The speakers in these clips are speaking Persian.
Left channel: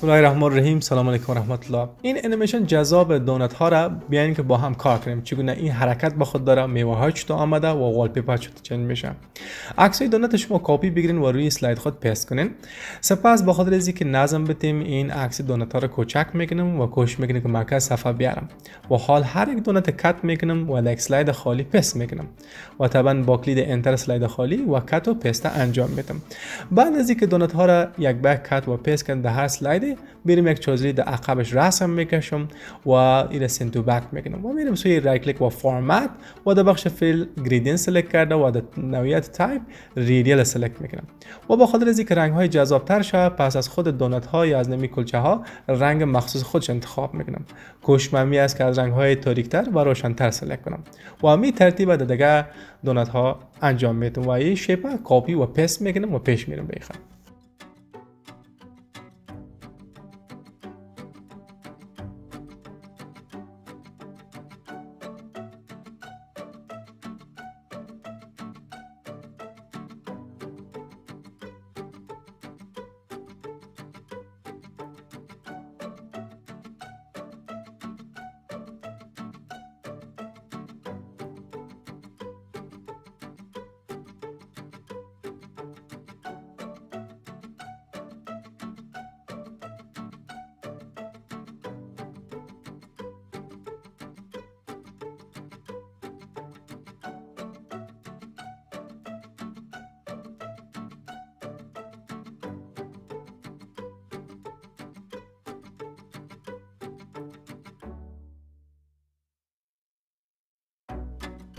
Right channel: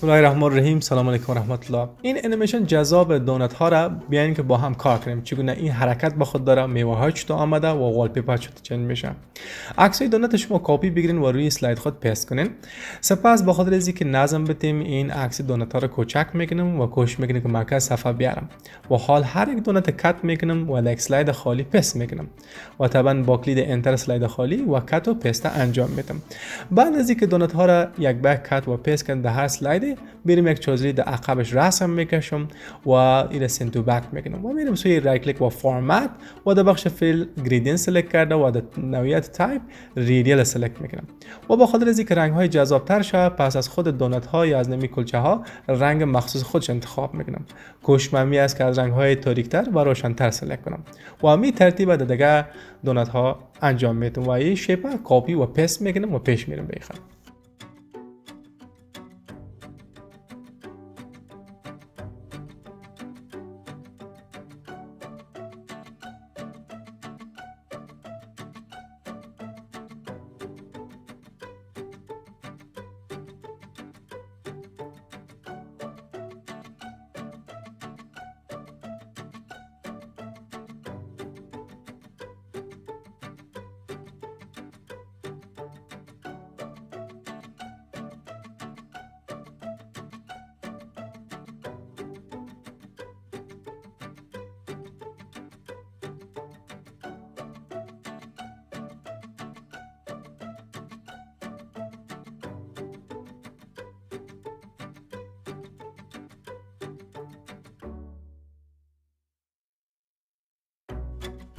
بسم الله الرحمن الرحیم. سلام علیکم و رحمت الله. این انیمیشن جذاب دونات ها را بیاین که با هم کار کنیم. چگونه این حرکت با خود داره، میوه های چطور آمده و والپیپر چطور چنج میشه. عکسای دونات شما کپی بگیرین و روی اسلاید خود پست کنین. سپس با خاطر اینکه نظم بدیم این عکس دونات ها را کوچک میکنم و کوشش میکنم که مرکز صفحه بیارم و حال هر یک دونات کات میکنم و در اسلاید خالی پست میکنم و طبعا با کلید انتر اسلاید خالی و کات و پست انجام میدم. بعد از اینکه دونات ها را یک بار کات و پست کردم در هر اسلاید بریم یک چوزری در عقبش رسم میکشم و این سنت تو بک میکنم و میرم سوی رایت کلیک و فرمت و در بخش فیل گریدینت سلکت کرده و در نوعیت تایپ ریدیال سلکت میکنم و با خاطر از اینکه رنگ های جذاب تر شه پس از خود دونات ها یا از نمی کلچه ها رنگ مخصوص خودش انتخاب میکنم. کوشش من است که از رنگ های تاریک تر و روشن تر سلکت کنم و همین ترتیب در دیگه دونات ها انجام میدم و این شیپ کپی و پست میکنم و پیش میرم به خط.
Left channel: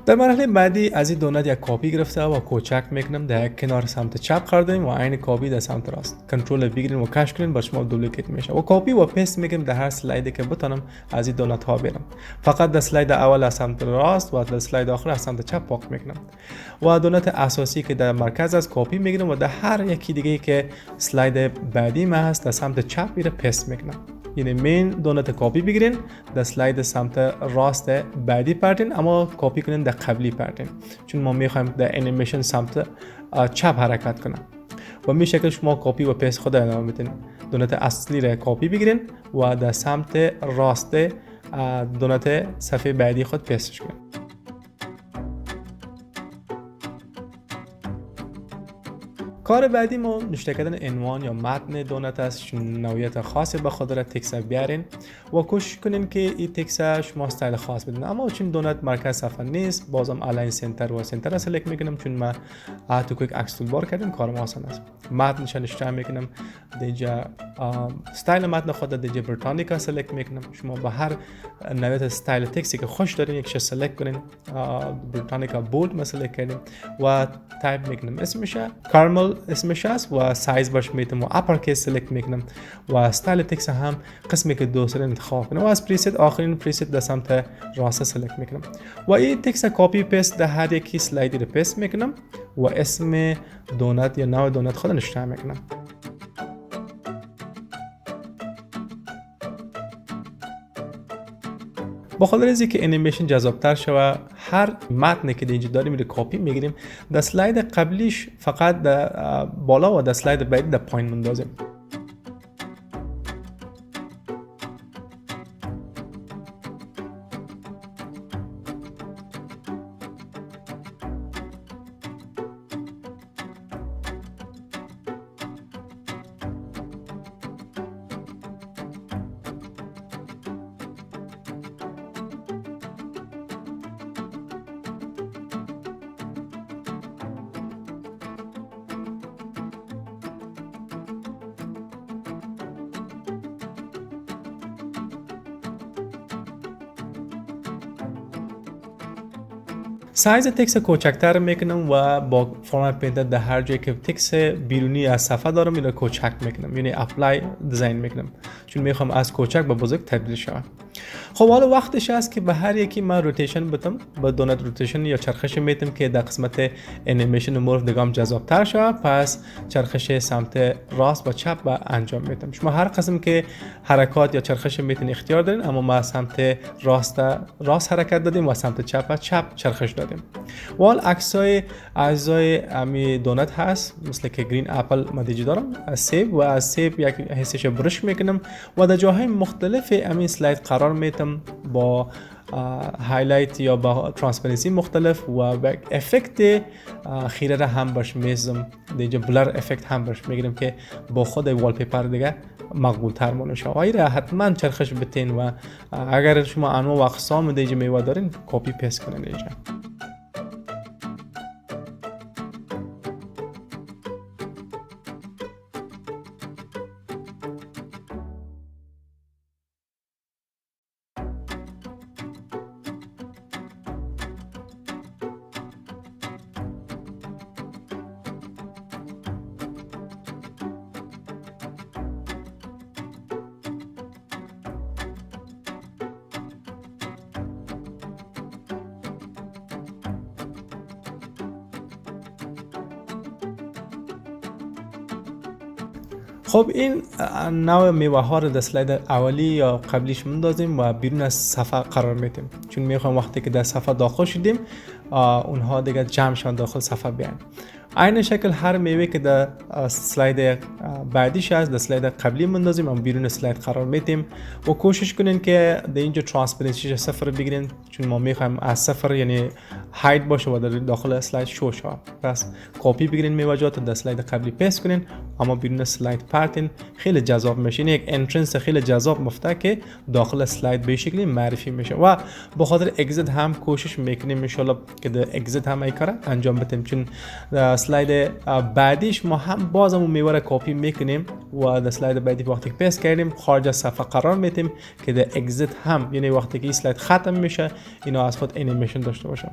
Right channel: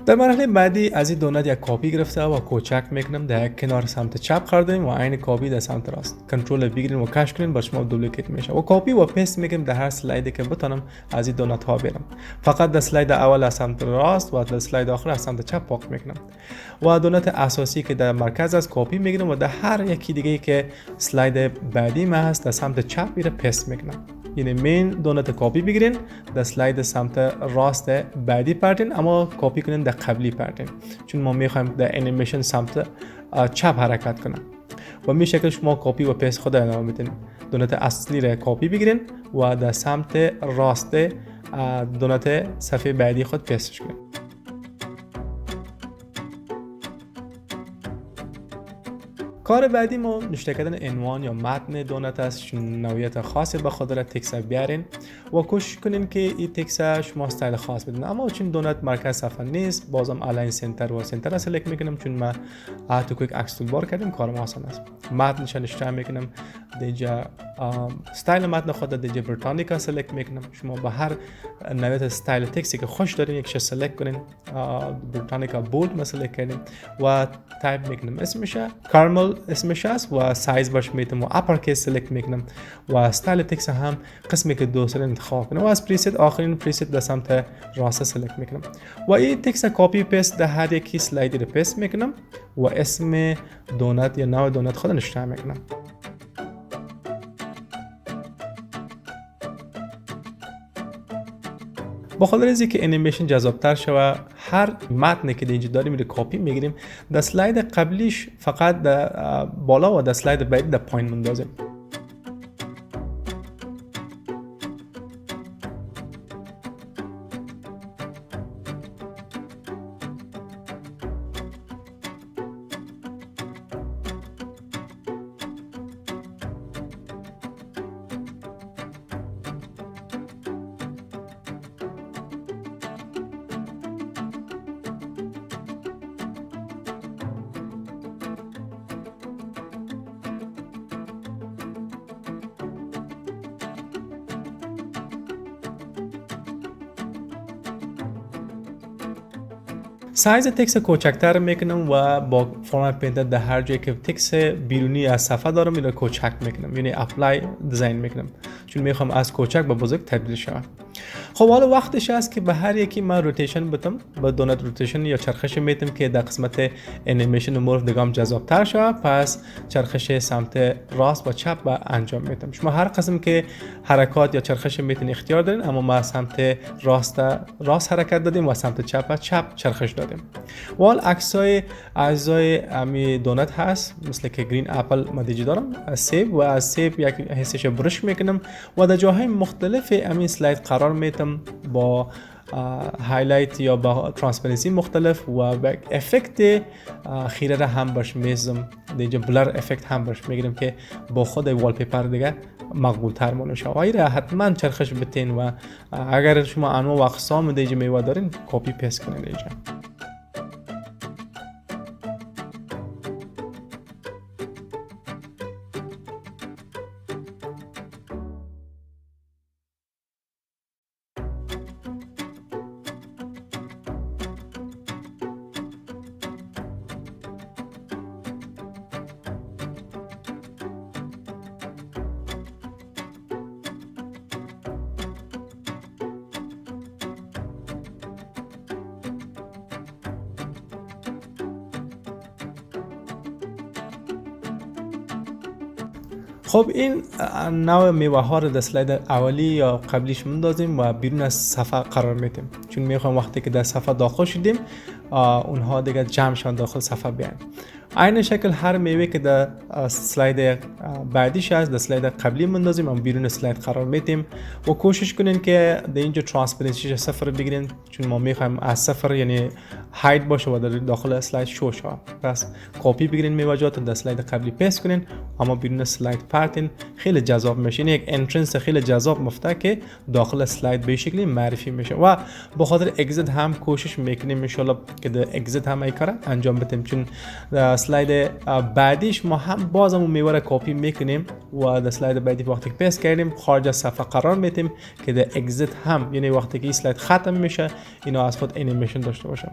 در مرحله بعدی از این دونات یک کپی گرفته و کوچک میکنم در یک کنار سمت چپ قرار دادیم و عین کپی در سمت راست. کنترل بگیرین و کش کنین با شما دوپلیکیت میشه و کپی و پست میکنم در هر اسلایدی که بتونم از این دونات ها برم. فقط در اسلاید اول از سمت راست و در اسلاید آخر از سمت چپ پاک میکنم و دونات اساسی که در مرکز از کپی میگیرم و در هر یکی دیگه که اسلاید بعدی ما هست در سمت چپ میره پست میکنم. یعنی مین دونات کپی بگیرین در اسلاید سمت راست بعدی پرتین اما کپی کنین در قبلی پرتین چون ما میخوایم در انیمیشن سمت چپ حرکت کنه و می شکل شما کپی و پست خود ادامه میدین. دونات اصلی را کپی بگیرین و در سمت راست دونات صفحه بعدی خود پستش کنین. کار بعدی ما نوشته کردن عنوان یا متن دونات است. نوعیت خاصی به خود را تکست بیارین و کوشش کنین که این تکست شما استایل خاص بدین. اما چون دونات مرکز صفحه نیست بازم الاین سنتر و سنتر را سلکت میکنم چون ما تو کویک عکس تول بار کردیم کارم آسان است. متنش نشون میکنم دیجا استایل متن خود دیجا بریتانیکا سلکت میکنم. شما به هر نوعیت استایل تکستی که خوش دارین یکش سلکت کنین. بریتانیکا بولد ما سلکت کردیم و تایپ میکنم اسمش کارمل اسمش است و سایز باش میتونم و اپر کیس سلکت میکنم و استایل تکست هم قسمی که دوست دارین انتخاب کنم و از پریست آخرین پریست در سمت راست سلکت میکنم و این تکست کپی پست در هر یکی اسلایدی رو پست میکنم و اسم دونات یا نوع دونات خود نشون میکنم. با خاطر از اینکه انیمیشن جذاب‌تر شوه هر متنی که اینجا داریم رو کپی میگیریم در اسلاید قبلیش فقط در بالا و در اسلاید بعدی در پایین مندازیم. سایز تکست کوچکتر میکنم و با پاورپاینت در هر جایی که تکست بیرونی از صفحه دارم اینو کوچک میکنم یعنی اپلای دیزاین میکنم چون میخوام از کوچک به بزرگ تبدیل شه. خب حالا وقتش است که به هر یکی من روتیشن بدم، با دونت روتیشن یا چرخش میتم که در قسمت انیمیشن مورف دگام جذاب‌تر شه. پس چرخش سمت راست و چپ با انجام میتم. شما هر قسم که حرکات یا چرخش میتن اختیار دارین، اما ما سمت راست حرکت دادیم و سمت چپ چرخش دادیم. وال عکسای اجزای امی دونت هست، مثل که گرین اپل ما دیجی دارم از سیب، و از سیب یک حسش برش میکنم و در جاهای مختلف امی سلاید قرار میتم با هایلایت یا با ترانسپرنسی مختلف و افکت خیره را هم برش میزم. دیگه بلر افکت هم برش میگیرم که با خود والپیپر دیگه مقبول تر مونه شه. و حتما چرخش بتین و اگر شما انواع و اقسام دیگه میوه دارین کپی پیست کنین دیگه. خب این نوع میوه ها رو در سلاید اولی یا قبلیش مندازیم و بیرون از صفحه قرار میدیم، چون میخوایم وقتی که در صفحه داخل شدیم اونها دیگه جمع شدن داخل صفحه بیان. عین شکل هر میوه که در سلاید بعدیش است در سلاید قبلی مندازیم اما بیرون سلاید قرار میدیم و کوشش کنین که در اینجا ترانسپرنسیش صفر بگیرین، چون ما میخوایم از صفر یعنی هاید باشه و در داخل سلاید شو شه. پس کپی بگیرین میوه‌جات در سلاید قبلی پیست کنین اما بیرون سلاید پرتین. خیلی جذاب میشه، یک انترنس خیلی جذاب مفته که داخل سلاید به شکلی معرفی میشه و به خاطر اگزیت هم کوشش میکنیم ان شاء الله که در اگزیت هم این کارا انجام بدیم، چون سلاید بعدیش ما هم بازم میوه را کپی میکنیم و در سلاید بعدی وقتی که پیست کردیم خارج از صفحه قرار میدیم که در اگزیت هم یعنی وقتی که این سلاید ختم میشه اینا از خود انیمیشن داشته باشه.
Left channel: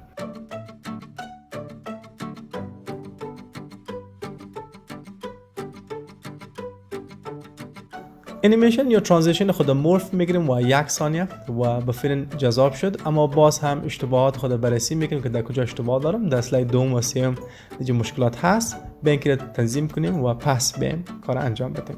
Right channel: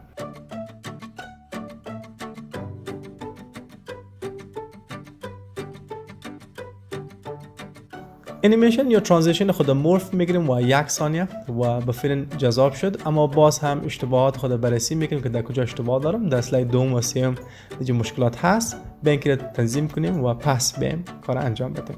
انیمیشن یا ترانزیشن خود مورف میگیریم و 1 ثانیه و بفرین جذاب شد، اما باز هم اشتباهات خود بررسی میکنیم که در کجا اشتباه دارم. در سلاید دوم و سوم دیگه مشکلات هست، به اینکه تنظیم کنیم و پس بیم کار انجام بدیم.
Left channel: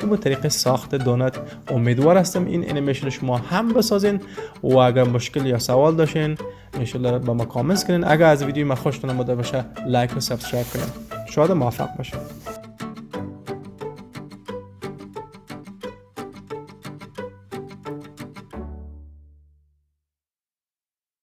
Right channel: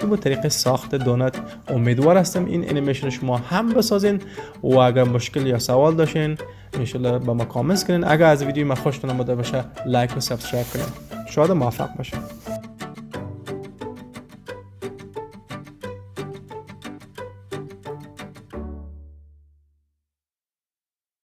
این بود طریق ساخت دونت. امیدوار هستم این انیمیشن شما هم بسازین و اگر مشکل یا سوال داشتین انشالله با ما کامنت کنین. اگر از ویدیو ما خوشتون اومده باشه لایک و سابسکرایب کنین. شاید موفق باشین.